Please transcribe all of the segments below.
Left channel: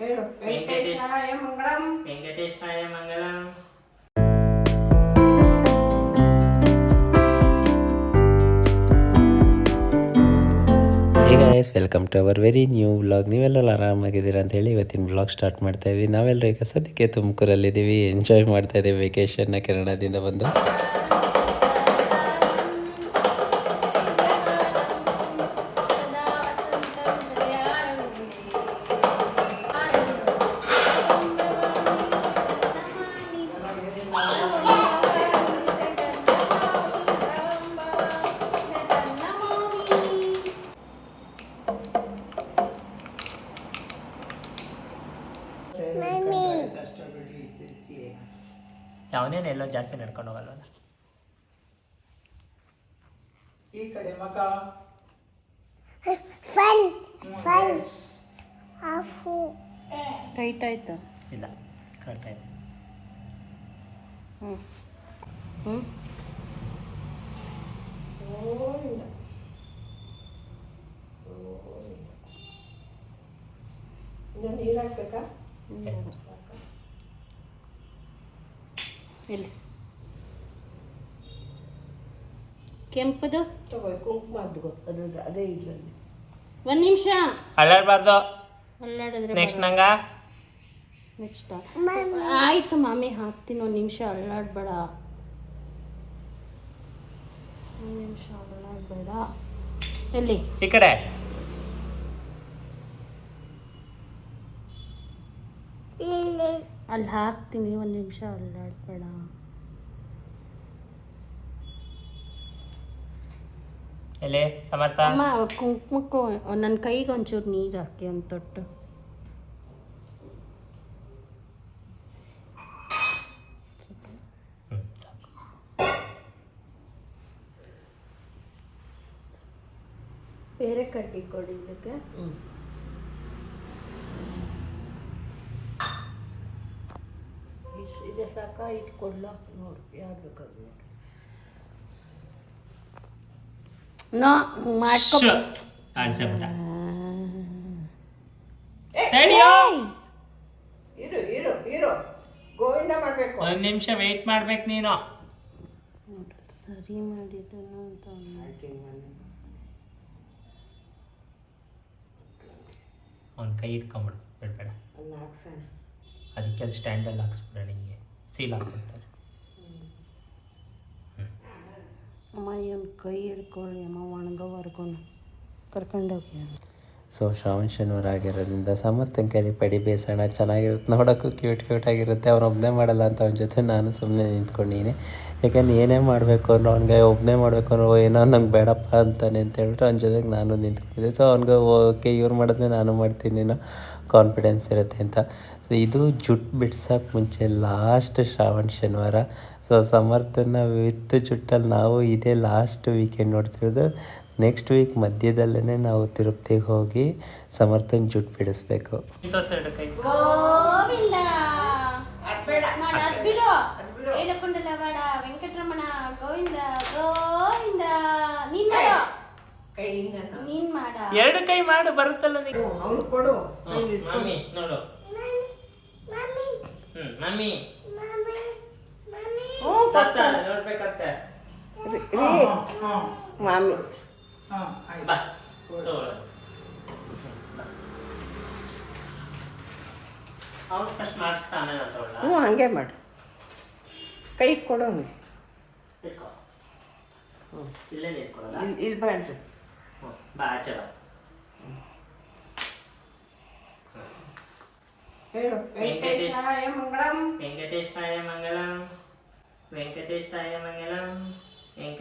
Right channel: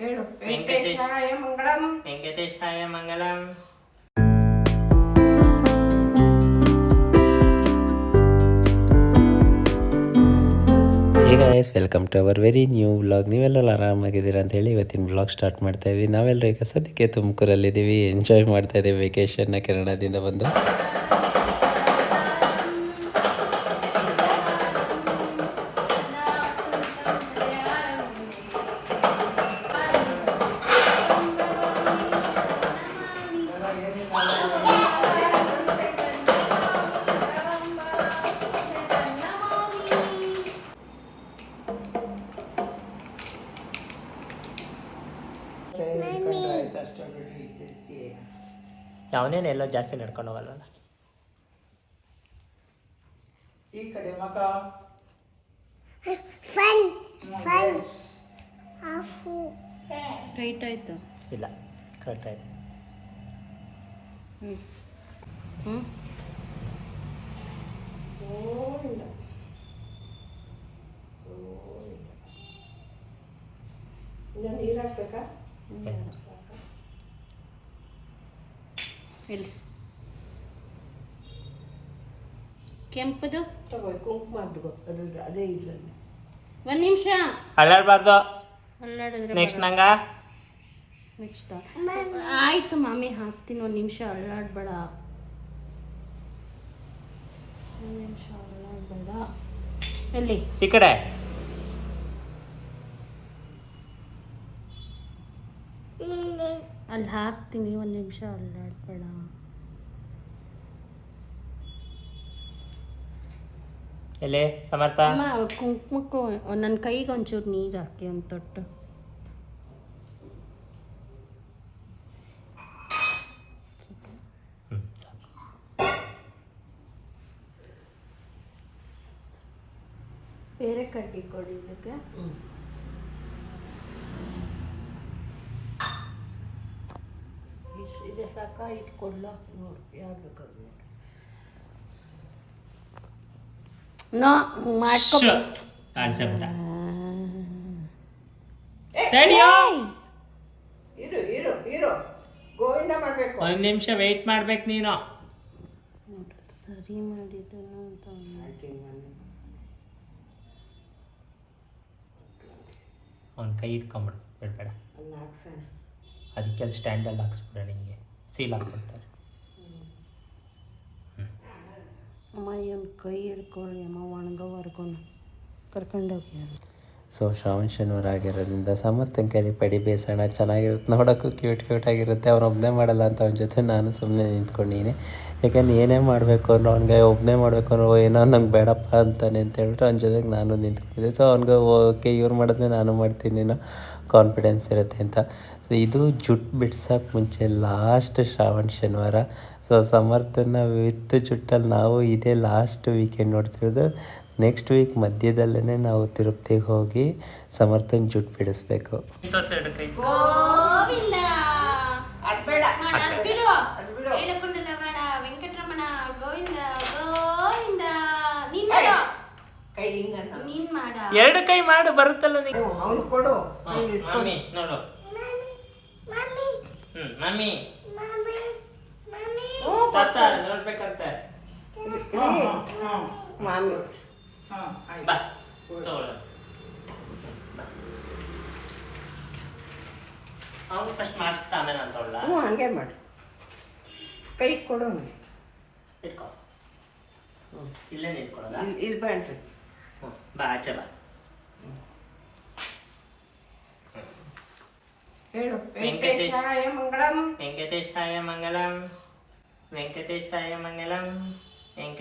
ಹೇಳು. ವೆಂಕಟೇಶಾಯ ಮಂಗಳಂ. ವೆಂಕಟೇಶಾಯ ಮಂಗಳಂ. ಈಗ ice welcome to our very new vlog ನೀವೆಲ್ಲ ಆರಾಮಾಗಿದ್ದೀರಾ ಅಂತ ಹೇಳಿ ಇವತ್ತಿನ ವ್ಲಾಗ್ ಸ್ಟಾರ್ಟ್ ಮಾಡ್ತಾ ಇದ್ದೀವಿ ನಾವೆಲ್ಲರೂ ಈಗ ಸದ್ಯಕ್ಕೆ ತುಮಕೂರಲ್ಲಿದ್ದೀವಿ. ಎಂಜಾಯ್ ಮಾಡ್ತಾ ಇದ್ದೀವಿ ವೆಕೇಶನ್ನ ಕೆನಡಾದಿಂದ ಬಂದು. ಯಾವನೇನೆಲ್ಲ ಜಾಸ್ತಿ ನಡ್ಕೊಂಡು ಹೋಗಲ್ಲ. ಈ ಕಡೆ ಮಗ. Fun fun Afu. ಟೈಟ್ ಆಯ್ತು. ಇಲ್ಲ ಕರೆಕ್ಟ್ ಆಯ್ತು. ಹ್ಞೂ ಹ್ಞೂ ನೀರು ಹಾಕ್ಬೇಕಾ ಸಾಕಾ? ಇಲ್ಲಿ. ಕೆಂಪದು? ಒಂದ್ ಕುಂಕುಮ ಅದ್ರದ್ದು ಅದೇ ಇಲ್ಲ ಒಂದು ನಿಮಿಷ. ಅಲ್ಲಾಡಬಾರ್ದು. ಅಲ್ಲಾಡಿದ್ರೆ ನೆಕ್ಸ್ಟ್ ನಂಗ? ನೆಕ್ಸ್ಟ್ ಆಯ್ತು ಮಾಮಿ ಹಾಕ್ತೀನಿ ಒಂದು ನಿಮಿಷ. ಅಲ್ಲಾಡ್ಬೇಡ. ಒಂದು ನಿಮಿಷ ಅಲ್ಲಾಡ್ಬೇಡ. ಎಲ್ಲಿ? ಈ ಕಡೆ. ಅಲ್ಲಿ ಹಾಕ್ತೀನಿ ಒಂದು ನಿಮಿಷ ಅಲ್ಲಾಡ್ಬೇಡ ಎಲೆ ಸಮರ್ಥ. ಅಮ್ಮ ಕುಂಕುಮಕ್ಕೂ ನನ್ನ ಕೈಗೆ ಒಂಚೂರು ನೀರು ಹಾಕಿ ಒಂದು ತೊಟ್ಟು. ಬೇರೆ ಕಡ್ಡಿ ಕೊಡಿ ಇದಕ್ಕೆ ಇಸ್- ಇದೆ ಸಾಕ ಇದು ಕೊಡ್ಲ? ನೋಡು ಯಾವ್ದು ಬೇಕಾದ್ರು ನೋ ಮಾಡ್ಕೊ. ಕಾಣಿಸ್ಬಿಟ್ಟ ಇರು ಇರು ಇರು. ಗೋವಿಂದ ಮಾಡಬೇಕು. ಒಂದು ನಿಮಿಷ ವೆಯ್ಟ್ ಮಾಡ್ಬೇಕು ನೀನು. ಸರಿ ಮಾಡಿದ್ದನು ಅಂತ ಒಂದು ಕೈ ಇಟ್ಕೊಂಬಿಡು ಬಿಡಬೇಡ. ಅಲ್ಲ ಹಾಕ್ಸೋಣ. ಅದಕ್ಕೆ ಅಲ್ಲಿ ಸ್ಟ್ಯಾಂಡಲ್ಲಿ ಹಾಕ್ಸ್ಬಿಡ ನಿಂಗೆ. ಸೀಲ್ ಹಾಕ್ಬಿಡ್ತಾರೆ ಅಮ್ಮ ಇವನ್ ಕೈ ಹಿಡ್ಕೊಳ್ಳಿ ಅಮ್ಮ ಒಣಗೋವರೆಗೂ ಕರ್ಕೊಂಡೋಗಿ ಸೊ ಶ್ರಾವಣ ಶನಿವಾರ ಆಗಿರೋದ್ರಿಂದ ಸಮರ್ಥನ ಕೈಲಿ ಪಡಿ ಬೇಸೋಣ ಚೆನ್ನಾಗಿರುತ್ತೆ. ನೋಡೋಕ್ಕೂ ಕ್ಯೂಟ್ ಕ್ಯೂಟ್ ಆಗಿರುತ್ತೆ. ಅವ್ನು ಒಬ್ಬನೇ ಮಾಡಲ್ಲ ಅಂತ ಅವನ ಜೊತೆ ನಾನು ಸುಮ್ಮನೆ ನಿಂತ್ಕೊಂಡಿನಿ. ಯಾಕಂದ್ರೆ ಏನೇ ಮಾಡಬೇಕು ಅಂದ್ರೆ ಅವ್ನಿಗೆ ಒಬ್ಬನೇ ಮಾಡಬೇಕು ಅನ್ನೋ ಏನೋ ನಂಗೆ ಬೇಡಪ್ಪ ಅಂತಾನೆ ಅಂತ ಹೇಳ್ಬಿಟ್ಟು ಅವ್ನ ಜೊತೆಗೆ ನಾನು ನಿಂತ್ಕೊಂಡಿದ್ದೆ. ಸೊ ಅವ್ನಿಗೆ ಓಕೆ, ಇವ್ರು ಮಾಡಿದ್ರೆ ನಾನು ಮಾಡ್ತೀನಿ, ಏನೋ ಕಾನ್ಫಿಡೆನ್ಸ್ ಇರುತ್ತೆ ಅಂತ. ಸೊ ಇದು ಜುಟ್ಟು ಬಿಡ್ಸೋಕೆ ಮುಂಚೆ ಲಾಸ್ಟ್ ಶ್ರಾವಣ ಶನಿವಾರ ಸೊ ಸಮರ್ಥನ ವಿತ್ ಜುಟ್ಟಲ್ಲಿ ನಾವು ಇದೇ ಲಾಸ್ಟ್ ವೀಕೆಂಡ್ ನೋಡ್ತಿರೋದು. ನೆಕ್ಸ್ಟ್ ವೀಕ್ ಮಧ್ಯದಲ್ಲೇ ನಾವು ತಿರುಪತಿಗೆ ಹೋಗಿ ಸಮರ್ಥನ್ ಜುಟ್ ಬಿಡಿಸ್ಬೇಕು. ಎರಡು ಕೈ ಮಾಡ. ಎರಡು ಕೈ ಮಾಡು ಬರುತ್ತಲ್ಲ ನೀವು ಅವನು ಕೊಡು. ಮಮ್ಮಿ ನೋಡು. Mummy Mommy. Mommy. ಮಾಮಿ ಬಾ ತಗೊಳ್ಳ. ಅವನು ಫಸ್ಟ್ ಮಾಡ್ಬಿಟ್ಟು ಆಮೇಲೆ ನಾನು ತಗೊಳ್ಳ? ಹ್ಞೂ ಹಂಗೆ ಮಾಡು. ಕೈ ಇಟ್ಕೋ. ಹ್ಞೂ. ಇಲ್ಲೇ ನಿಂತ್ಕೊಳ್ಳೋದ? ಇಲ್ಲಿ ಇಲ್ಲಿ ಹ್ಞೂ ಬಾ ಆಚೆ ಬಾ. ಹೇಳು. ವೆಂಕಟೇಶಾಯ ಮಂಗಳಂ. ವೆಂಕಟೇಶಾಯ ಮಂಗಲಂ ವೆಂಕಟೇಶಾಯ ಮಂಗಲಂ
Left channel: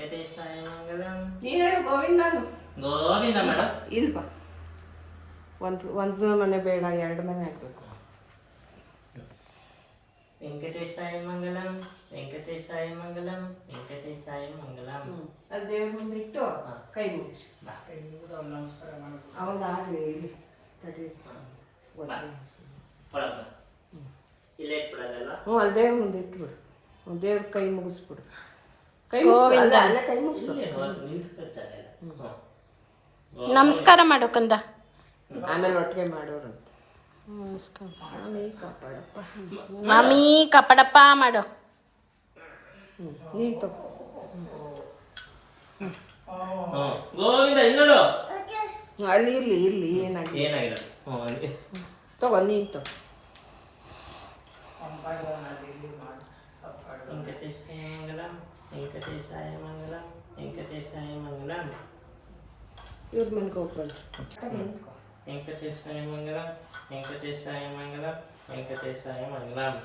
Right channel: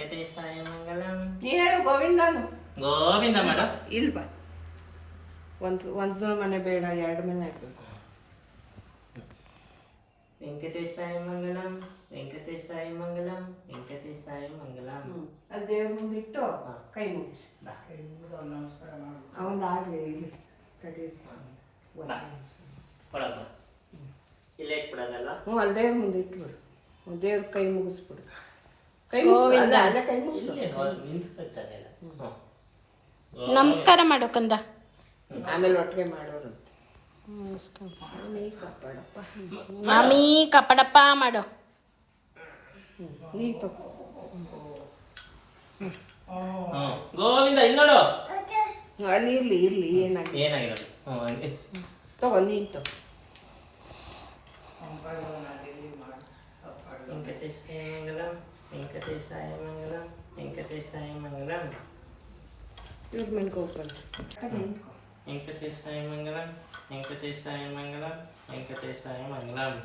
ವೆಂಕಟೇಶಾಯ ಮಂಗಲಂ ನೀ ಹೇಳು ಗೋವಿಂದನು ಗೋವಿಂದ ಮಾಡ. ಇಲ್ಲಿ ಬಾ. ಒಂದು ಒಂದು ಮನೆ ಬೇಡ ಎರಡು ಮನೆ ಹಾಕ್ಬೇಕು ವೆಂಕಟೇಶಾಯ ಮಂಗಲಂ ವೆಂಕಟೇಶಾಯ ಮಂಗಲಂ ವೆಂಕಟೇಶಾಯ ಮಂಗಲಂ ಅದು ದೇವ್ರ ಮುಂದಿಟ್ಟು ಇಟ್ಟು ಕೈ ಮುಗಿಸಿ. ನಮಸ್ಕಾರ ಅವನಾಗಲಿ ಇಲ್ಲಿ. ತಡಿ. ಒಳಗ. ಇಲ್ಲೇ ಇಟ್ಬಿಡೋದಲ್ಲ ಹ್ಞೂ ದೇವ್ರ ಮುಂದೆ ಇಟ್ಬಿಡು. ದೇವ್ರ ಕೈ ಮುಗಿಸ್ಬಿಡು. ಗೋವಿಂದ. ನಮಸ್ಕಾರ ಮಾಡು ಕಂದ. ಆಮೇಲೆ ಒಟ್ಟಿಗೆ ಮಾಡೋರು. ಸ್ವಾಮಿ ಕಾಪಾಡಪ್ಪ. ಮಾಡು. ಗೋವಿಂದ ಇಲ್ಲಿ ನೋಡು. ಅಲ್ಲಿ ಇರ್ಲಿ ಇರ್ಲಿ ಏನಾಗಿ ಏನಾಗಿರೋದು ಹ್ಞೂ ಅಲ್ಲಿ. ತಗೋ ನೀನ್ ತಗೋ ವೆಂಕಟೇಶಾಯ ಮಂಗಲಂ ವೆಂಕಟೇಶಾಯ ಮಂಗಲಂ ವೆಂಕಟೇಶಾಯ ಮಂಗಲಂ ಇವ್ರ ನಿಂತ್ಕೊ ವೆಂಕಟೇಶಾಯ ಮಂಗಲಂ ವೆಂಕಟೇಶಾಯ ಮಂಗಲಂ ವೆಂಕಟೇಶಾಯ ಮಂಗಲಂ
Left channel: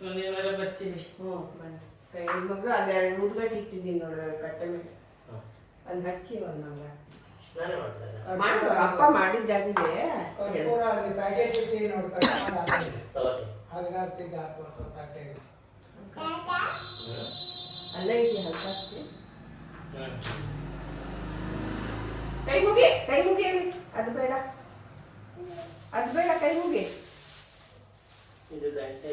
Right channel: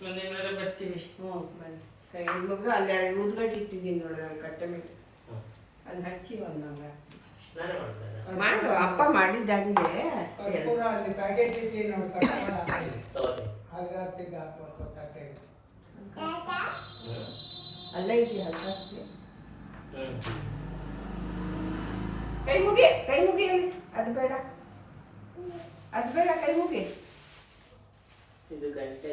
ಮುಂದಿನ ಬರ್ತೀವಿ ಹ್ಞೂ ಬನ್ನಿ ಕೈ ಮಗ ಅಲ್ಲಿ ಎರಡು ಉದ್ಗಡ್ಡೆ ಇಟ್ಟಿದ್ದೀನಿ ನೋಡಿ ಕಟ್ಟೆ ಮೇಲೆ ಅಲ್ಲಿ ಹಚ್ಚಿ ಒಂದು ಮಾಡು ಅಪ್ಪ ಮಾಡಿದ್ದಾಗಿದೆ ಪ್ಯಾಕೇಜ್ ಇಟ್ಟು ನೋಡಿ ಹಲ್ಗಾರ್ತಿಗೆ ಹಾಕೋದು ತಟ್ಟೆಗೆ ಅಲ್ಲೇ ಇದೆಯಾ ಹಚ್ಚಿ ಹ್ಞೂ ಕೈ ಮುಗಿ ಕೈ ಮುಗಿ ಅದು ಬೇಡ ಅದು ಬೇಡ ಕೈ ಮುಗಿ ಇದು ಗಂಟೆ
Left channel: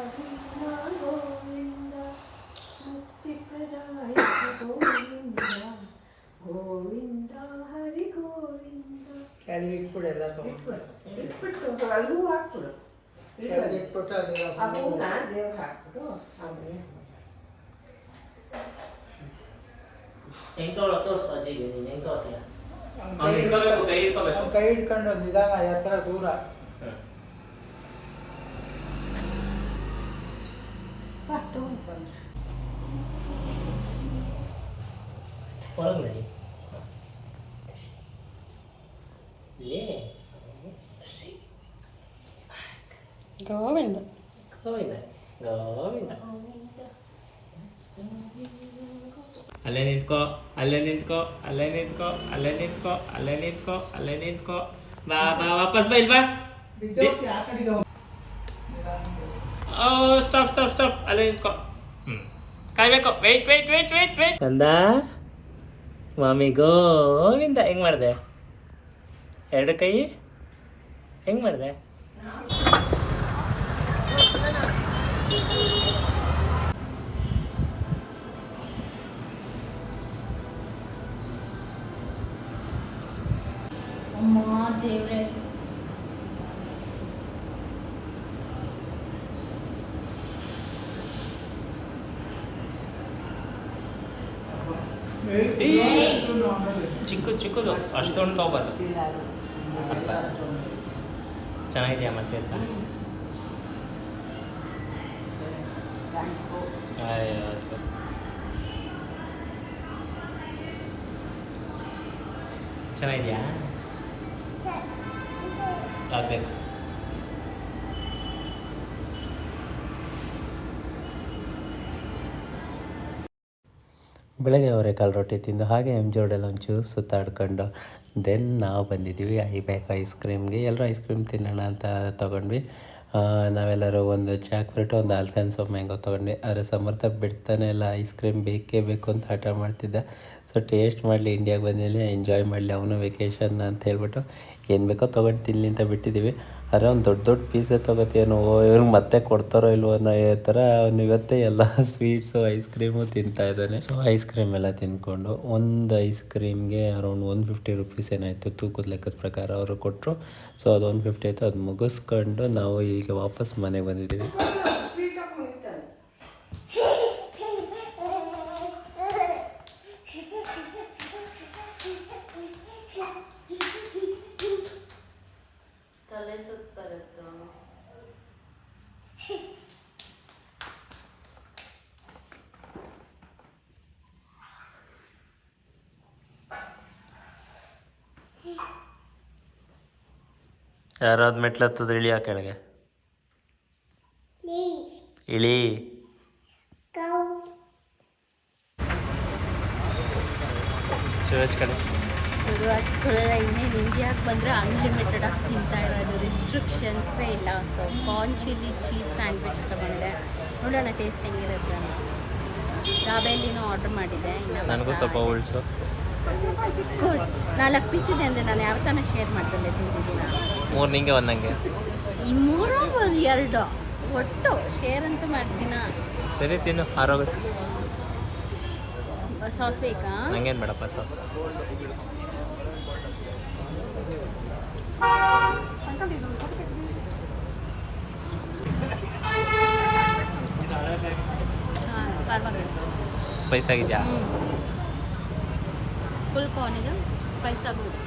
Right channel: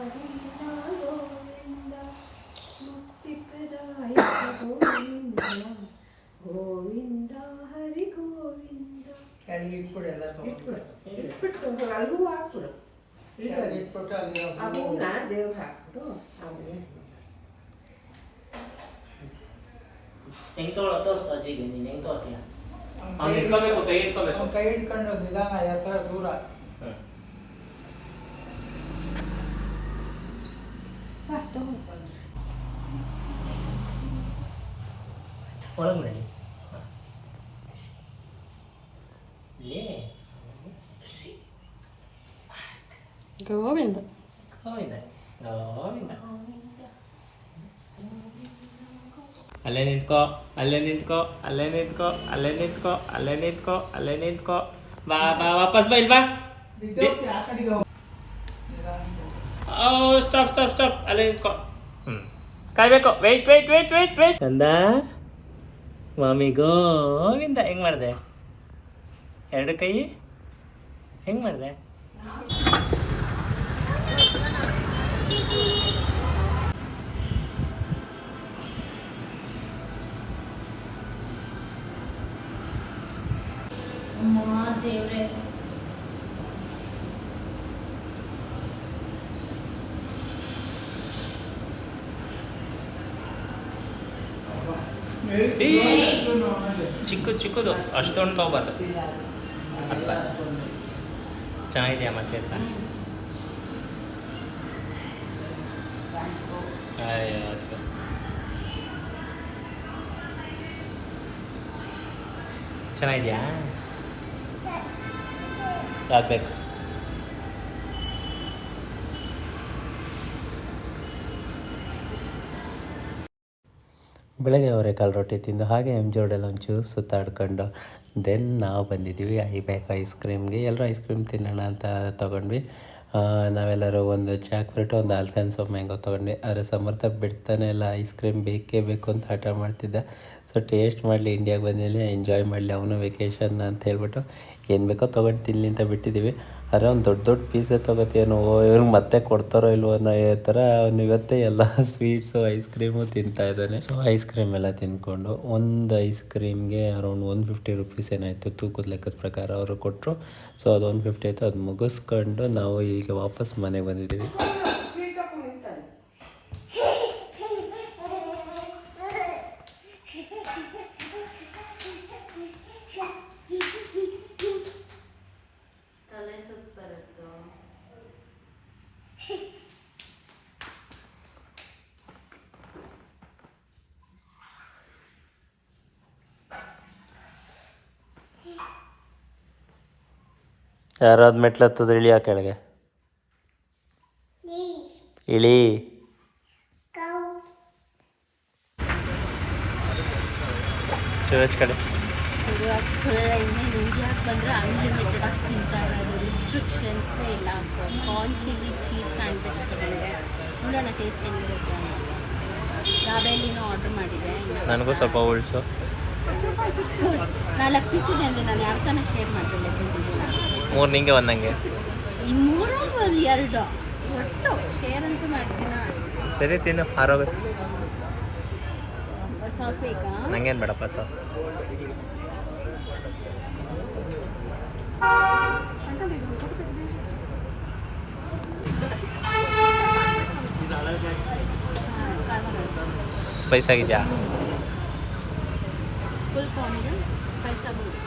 ಇಟ್ಬಿಟ್ಟು ಅಲ್ಲೂ ಹಾಕ್ಬಿಡು ಅದು ಅದನ್ನ ದೇವ್ರಿಗೆ ಹಾಕ್ಬಿಡು ಆಮೇಲೆ ಹೆಂಗ್. ತೊಗೊಳೋ ತೋರ್ಸು ಅಜ್ಜಿಗೆ ನೀನು ಹೆಂಗ್ ತೊಗೊಳ್ತೀಯ ಅವ್ನ್ ಇಟ್ಕೋಬೇಕು ಕೈ ಇಟ್ಕೋಬೇಕು. ಕೈ ಹಿಡ್ಕೊಂಡು ನಿಧಾನ ಎತ್ತರ ದೂರ. ಒಳಗೆ ನಡಿ ಇಲ್ಲಿ ಗೋವಿಂದ ಗೋವಿಂದ ಗೋವಿಂದ ಅಲ್ಲೇ ನಿಂತ್ಕೋ ಅಲ್ಲೇ ನಿಂತ್ಕೋ ಅಲ್ಲೇ ನಿಂತ್ಕೋ ಅಲ್ಲೇ ನಿಂತ್ಕೋ ಅಲ್ಲೇ ನಿಂತ್ಕೋ ಅಲ್ಲೇ ನಿಂತ್ಕೋ ಬಾ ಬಾ ವಾಪಸ್ ಬಾ ಇಲ್ವಾ ಓ ಸ್ಟಾಪ್ ಸ್ಟಾಪ್ ಸ್ಟಾಪ್ ಅಲ್ಲೇ ನಿಂತ್ಕೋ ಹ್ಞೂ ಕಾಯ್ಬೇಕು wait wait wait wait wait ಚಂದ? ಮಾಮಿ ಗೋವಿಂದ ಹೆಂಗ್ ಮಾಡಿದೆ? ಎರಡು ಕೈ? ಹೆಂಗ್ ಮಾಡಿದೆ? ಅಮ್ಮ ದೇವ್ರೆ ಇದು ನೋಡಿ. ಚಿಕ್ಕ ಚಿಕ್ಕದು ಅಷ್ಟೊಂದು ತಗೋಬಾರ್ದು ಅಲ್ಪ ಚೆನ್ನಾಗಿದೆಯಮ್ಮ ಸೇರ್ತಾ ಯಾವ್ದು ಬೆಳಗ್ಗೆ ಅವರೆಕಾಳು ರೊಟ್ಟಿ ತಿಂದು ಹಾಗೆ ಎಂ ಜೋಡಲ್ಲಿ ಒಂಚೂರು ಸುತ್ತಾಡ್ಕೊಂಡು ದೆನ್ ನಾವು ಬಂದಿದ್ದೀವಿ ಐ ಬ್ಯಾಕ್ ಐಸ್ ಕ್ರೀಮ್ಗೆ ಎಲ್ಲರೂ ಐಸ್ ಕ್ರೀಮ್ ತಿನ್ನೋಣ ಅಂತ ತೊಗೊಂಡ್ವಿ. ನಾವೆಲ್ಲರೂ ಒಂದು ಚಾಕ್ಲೇಟ್ ಒಂದು ಆಲ್ಫೆನ್ಸೋ ಮ್ಯಾಂಗೋ ತೊಗೊಂಡ್ವಿ. ಆದರೆ ಸಮರ್ಥ ಬಿಡ್ತಾನೆ ಇಲ್ಲ ಐಸ್ ಕ್ರೀಮ್ ಬೇಕೇ ಬೇಕು ಅಂತ ಹಠ ಮಾಡ್ತಿದ್ದ. ಸೊ ಟೇಸ್ಟ್ ಮಾಡಲಿ ಇಂಡಿಯಾಗೆ ಬಂದಿಲ್ಲ ಎಂಜಾಯ್ ಮಾಡಲಿ, ಅವನು ವೆಕೇಷನ್ ಅಂತ ಹೇಳ್ಬಿಟ್ಟು ಏನು ಬೇಕೋ ತೊಗೊಂಡು ತಿನ್ನಲಿ ಅಂತ ಬಿಟ್ಟಿದ್ದೀವಿ ಆದರೆ ಒಂದು ದೊಡ್ಡ ದೊಡ್ಡ ಪೀಸೇ ತೊಗೋತೀನೋ ಇವ್ರಿಗೆ ಮತ್ತೆ ಕೊಡ್ತಾರೋ ಇಲ್ವೋ ಅನ್ನೋ ಥರ ಅವ್ನು ಇವತ್ತೇ ಎಲ್ಲ ಸ್ವೀಟ್ಸು ಐಸ್ ಕ್ರೀಮು ತಿಂತಾ ಇದ್ದಾನೆ. ಸೊ ಐಸ್ ಕ್ರೀಮ್ ಎಲ್ಲ ತಿಂದ್ಕೊಂಡು ಒಂದು ಐಸ್ ಕ್ರೀಮ್ಗೆ ಅರೌಂಡ್ ಒನ್ ಫಿಫ್ಟಿ ರುಪೀಸ್ ಏನಾಯಿತು, ತೂಕದ ಲೆಕ್ಕದ ಪ್ರಕಾರ ಅವರು ಕೊಟ್ಟರು ಸೊ ಅದು ಒನ್ ಫಿಫ್ಟಿ ಆಯಿತು, ಅದು ಮುಗಿಸ್ಕೊಂಡು ನಾವು ಈಗ ವಾಪಸ್ ಮನೆಗೆ ಬಂದಿದ್ದೀವಿ ಯಾರಾದ ಮೆಟ್ಲತ್ತದ ಇಳಿಯ ಕೆಳಗೆ? ಇಳಿ. ಕಡೆ. ಇದು ಹಚ್ಕೊಳ್ಳೋದ ಇನ್ನೇನು ಇಂಡಿಯಾಗೆ ಬಂದರೆ ಅನ್ಲಿಮಿಟೆಡ್ ಆಗಿ ತಿಂತಾ ಇರೋದು. ರಿಸ್ಟ್ರಿಕ್ಷನ್ಸೇ ಇಲ್ಲ. So corn chilli cheese sandwich ತಗೊಂಡೆ. ನೋಡೋಣ ಟೇಸ್ಟ್ ಹೆಂಗಿರುತ್ತೆ ಅಂತ. ದಾಬೇಲಿನೂ ಆರ್ಡ್ರ್ ಮಾಡಿದ್ದೆ. ನನಗೂ ಸ್ವಲ್ಪ ಉಳಿಸು ಗುಡ್ ನಾಲ್ಕು ಪೀಸ್ ಇದೆ ಅಂದರೆ ನಾನು ಯಾವ ಥರ ಶೇರ್ ಮಾಡ್ಕೊಂಡೆ ತಿಂತಿದ್ದೀನ ಮೂರು ನಿಂಗೆ ಒಂದು ನಂಗೆ. ಈ ಮೂರು ಒಂದು ಎರಡು. ಒಟ್ಟು ಶೇರ್ ಅಂತೂ ಮಾಡ್ತೀನ? ಸರಿ ತಿನ್ನು. ಆರೋಗುತ್ತೆ ಸಾಸ್ ಬೇಕಾ? ನಂಗೇನು ಬೇಡಪ್ಪ ಸಾಸ್ ಸ್ಪೈಸ್ ಆಗಿದೆಯಾ ಫುಲ್ ಕಾರ್ನಿಗೆ ಸ್ಪೈಸ್ ಆಗ್ಬೋದು ತಗೋತೀನಿ so chilli cheese corn sandwich ಆಯಿತು ಖಾರ ಖಾರವಾಗಿತ್ತು ಮತ್ತು ದಾಬೇಲಿ ಸ್ವಲ್ಪ ಸ್ಪೈಸ್ ಆಗ್ಬೋದು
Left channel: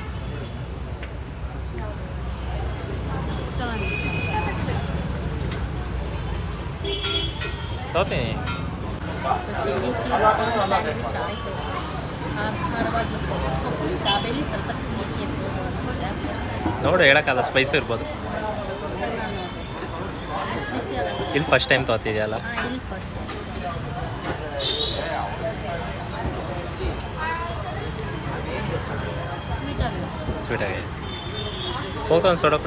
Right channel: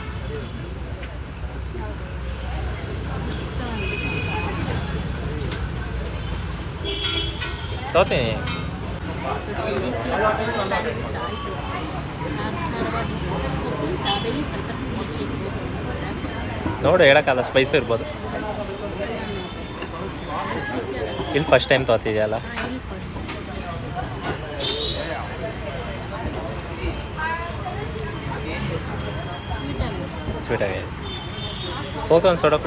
ತೋತೀನಿ ನೋಡು ಹೇಳೋಕ್ಕಲ್ಲ ಸ್ಪೈಸು ಇರ್ಬೋದು. ಇಲ್ಲಿ ಫಸ್ಟ್ ಟೈಮ್ ತೊಗೋತಿದ್ಯಲ್ಲ ಹಾಂ ಇಲ್ಲಿ ಫಸ್ಟ್ ಸ್ವೀಟ್ ಅಲ್ಲ ಸ್ವೀಟ್ ಆಗಿದೆ ಹೋಗ್ತಾ ಒಂದು ಸೋಡಾ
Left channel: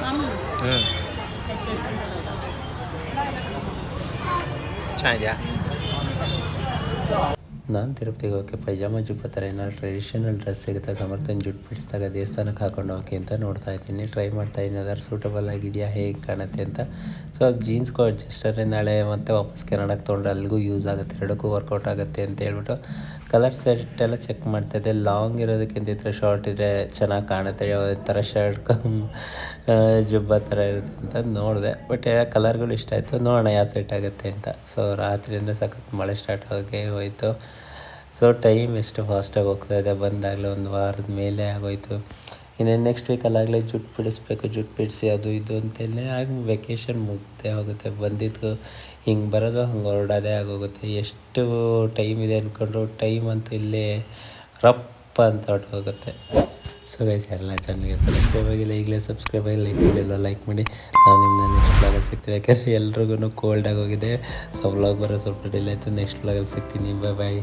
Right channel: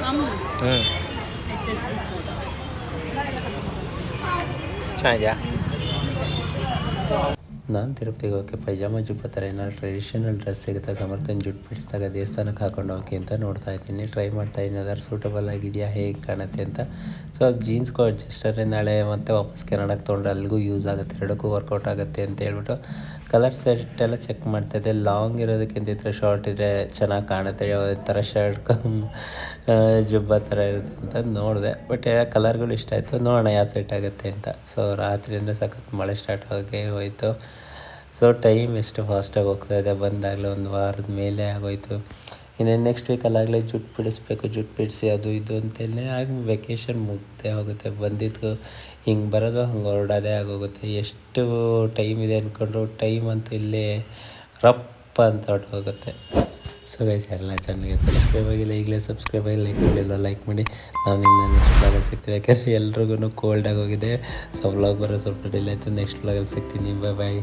ಕಮ್ಮಿ ಹ್ಞೂ ಚೆನ್ನಾಗಿದೆಯಾ? ನಾನು ತಿರುಪತಿಗೆ ಹೋಗೋಕ್ಕೆ ಪೈಜಾಮ ಜುಬ್ಬ ಥರ ಏನಾದ್ರು ಟ್ರೆಡಿಷನಲ್ ಡ್ರೆಸ್ ಸಿಗುತ್ತೆ? ಸಮರ್ಥನ ಜುಟ್ ಬಿಡಿಸಿದಾಗ ದೇವಸ್ಥಾನಕ್ಕೆ ಹಾಕೊಂಡು ಹೋಗಿ ಅಂತ ನೋಡ್ತಾ ಇದ್ದೀನಿ. ಟ್ರೈ ಮಾಡ್ತಾ ಇದ್ದೀನಿ. ಅದಾರು ಸೂಟಬಲ್ ಆಗಿದೆಯಾ? ಹೇಗೆ ಕಾಣುತ್ತೆ ಅಂತ. ಸೊ ಅದು ಜೀನ್ಸ್ಗೂ ಅಡ್ಜಸ್ಟರೇ ನಾಳೆ ಮತ್ತೆ ವಾಪಸ್ ಕೆನಡಕ್ಕೆ ತೊಗೊಂಡ್ರೆ ಅಲ್ಲಿಗೂ ಯೂಸ್ ಆಗುತ್ತೆ. ಎರಡಕ್ಕೂ ವರ್ಕೌಟ್ ಆಗುತ್ತೆ ಅಂತ ಹೇಳ್ಬಿಟ್ಟು ಕಲರ್ ಸೆಟ್ ಎಲ್ಲ ಚೆಕ್ ಮಾಡ್ತಾಯಿದ್ದೆ ಲಾಂಗ್ ಇರೋದಕ್ಕಿಂತ ಇದ್ರೆ ಶಾರ್ಟ್ ಇದ್ದರೆ ಚೆನ್ನಾಗಿ ಕಾಣುತ್ತೆ. ಥರ ಶರ್ಟ್ ಕಮ್ ಜುಬ್ಬ ಥರ ಇರುತ್ತೆ ಅಂತ ನೋಡಿದೆ. ಬಟ್ ಕಲರ್ಗಳು ಇಷ್ಟ ಆಯಿತು. ನೋಡೋಣ ಯಾವ ಸೆಟ್ ಆಗುತ್ತೆ ಅಂತ. ಸೊ ರಾತ್ರಿಯಿಂದ ಸಖತ್ ಮಳೆ ಸ್ಟಾರ್ಟ್ ಆಗೋಕ್ಕೆ ಹೋಯಿತು. ಸೊ ಟೈಮ್ ಎಷ್ಟು ಫಾಸ್ಟಾಗಿ ಹೋಗ್ತಾ ಇದೆ. ಬಂದಾಗಲೇ ಒಂದು ವಾರದ ಮೇಲೆ ಆಗೋಯ್ತು. ಇನ್ನೇನು ನೆಕ್ಸ್ಟ್ ವೀಕಲ್ಲಾಗಲೇ ಜುಟ್ಟು ಬಿಡಿಸ್ಬೇಕು ಜುಟ್ಟು ಬಿಡಿಸಿ ಅದು ಇದು ಅಂತೇಳಿ ಆಗ ವೆಕೇಷನ್ ಮುಗ್ದೇ ಹೋಗುತ್ತೆ. ಬಂದಿದ್ದು ಹಿಂಗೆ ಬರೋದು ಹಂಗೆ ಹೊರಡೋದೇ ಆಗೋಗುತ್ತೆ. ಎಷ್ಟು ಟೈಮ್ ಇದೆ ಅಂದ್ಕೊಂಡ್ರು ಟೈಮ್ ಅಂತೂ ಇಲ್ಲಿ ರಪ್ಪ ಅಂತ ಹೊರಟೋಗುತ್ತೆ ಸೊ ಗೈಸ್ ಎಲ್ಲ ಚೆನ್ನಾಗಿ ಸಬ್ಸ್ಕ್ರೈಬ್ ಆಗಿಲ್ಲ, ಈಗಲೇ ಸಬ್ಸ್ಕ್ರೈಬ್ ಆಗಿ ಲೈಕ್ ಮಾಡಿಲ್ಲ ಲೈಕ್ ಮಾಡಿ. ನಾವು ನಿನ್ನ ನೆಕ್ಸ್ಟ್ ಬ್ಲಾಗಲ್ಲಿ ಸಿಗ್ತೀವಿ ಯಾಕಂದರೆ ಎಲ್ರಿಗೂ ಕೋಲ್ಡ್ ಆಗೋಗಿದೆ ಸೊ ಬ್ಲಾಗ್ ಬರೋ ಸ್ವಲ್ಪ ಡಿಲೇ ಆಯಿತು. ನೆಕ್ಸ್ಟ್ ಬ್ಲಾಗಲ್ಲಿ ಸಿಗ್ತೀನಿ. ಬಾಯ್ ಬಾಯ್